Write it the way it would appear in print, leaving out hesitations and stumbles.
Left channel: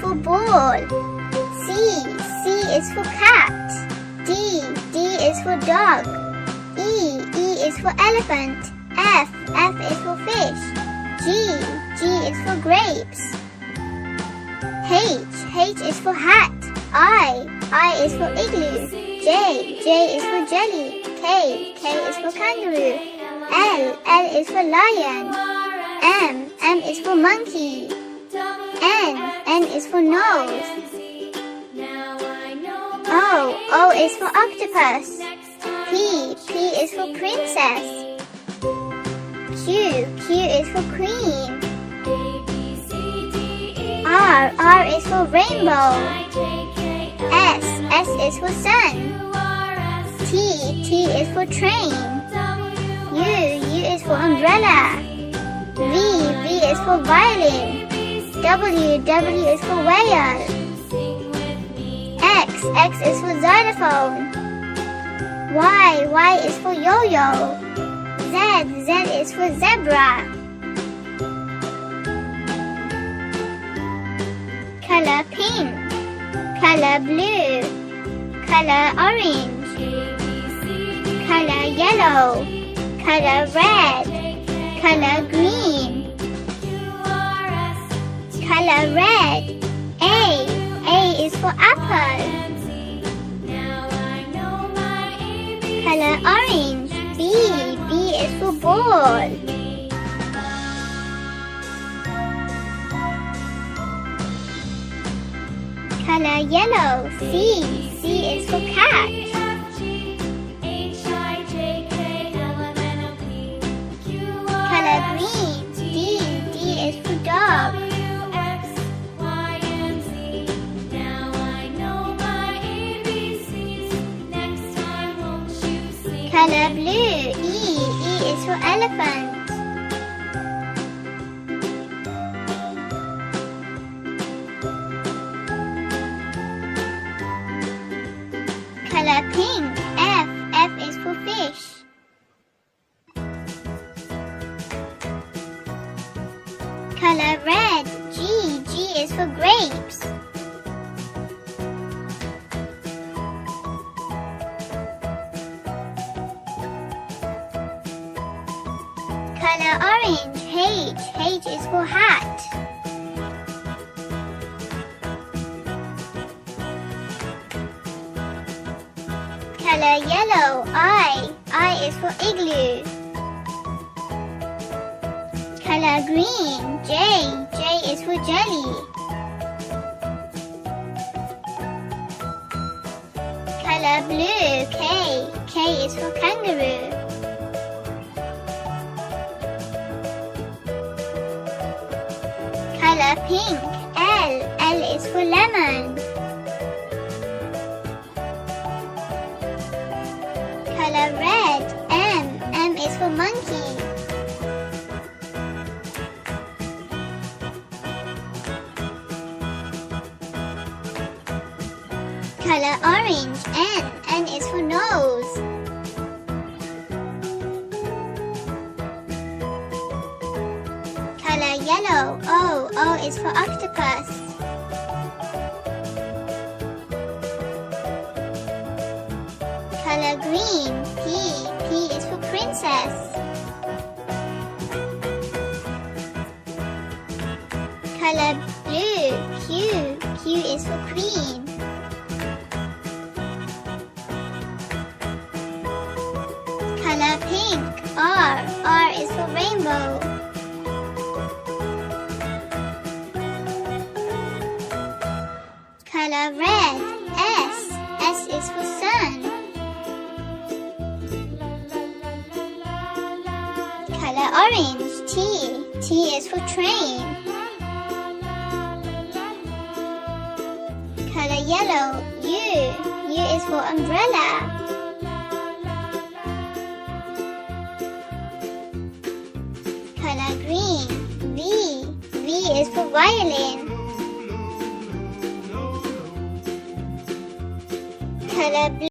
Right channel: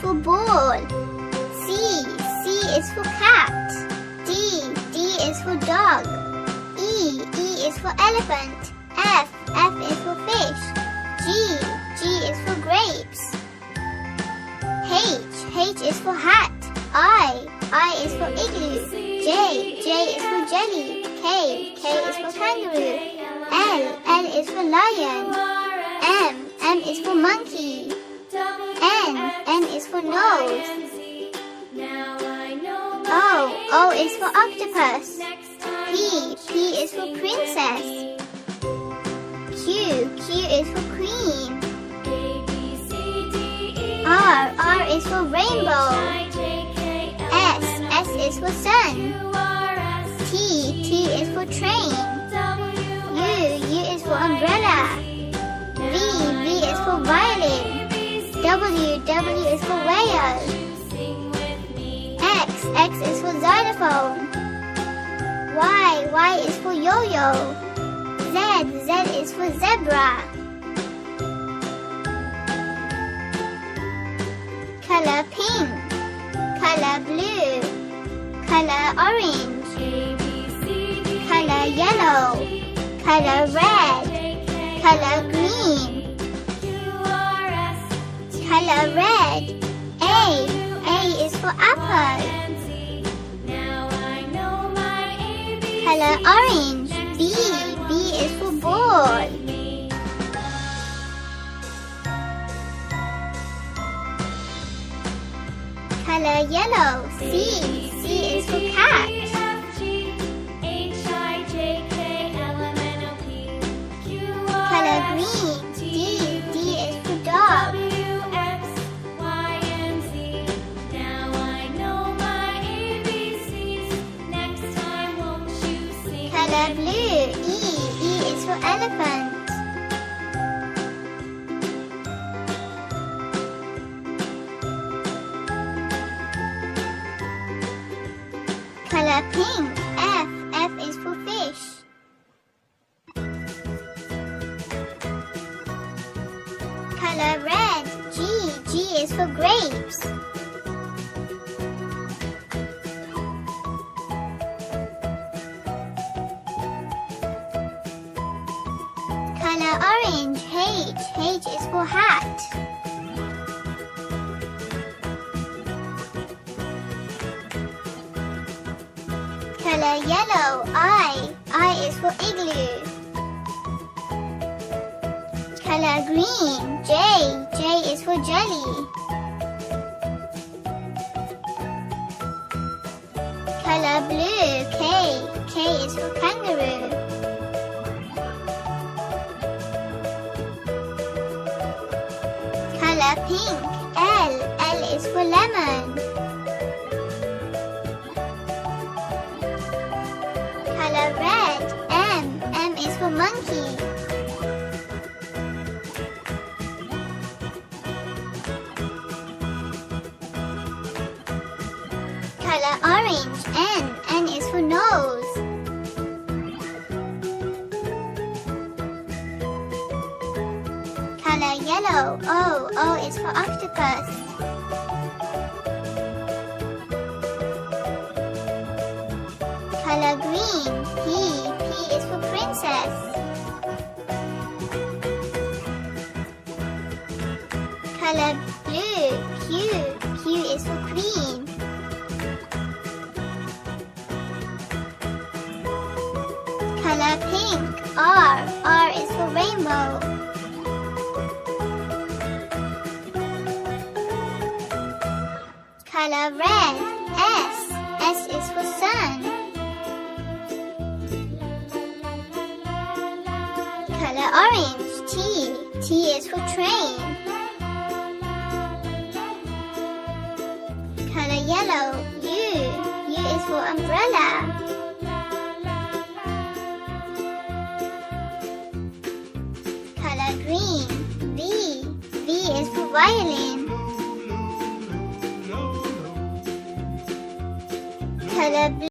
for ball. C is for cat. D is for dog. E is for elephant. F is for fish. G is for grapes. H is for hat. I is for igloo. J is for jelly. K is for kangaroo. L is for lion. M is for monkey. N is for nose. O is for octopus. P is for princess. Q is for queen. R is for rainbow. S is for sun. T is for train. U is for umbrella. V is for violin. W is for whale. X is for xylophone. Y is for yo-yo. Z is for zebra. Color pink. Color blue. Color orange. Color yellow. Color red. Color green. Color red. A is for apple. Color orange. B is for ball. Color yellow. C is for cat. Color green. D is for dog. Color blue. E is for elephant. Color pink. F is for fish. Color red. G is for grapes. Color orange. H is for hat. Color yellow. I is for igloo. Color green. J is for jelly. Color blue. K is for kangaroo. Color pink. L is for lemon. Color red. M is for monkey. Color orange. N is for nose. Color yellow. O is for octopus. Color green. P is for princess. Color blue. Q is for queen. Color pink. R is for rainbow. Color red. S is for sun. Color orange. T is for train. Color yellow. U is for umbrella. Color green. V is for violin.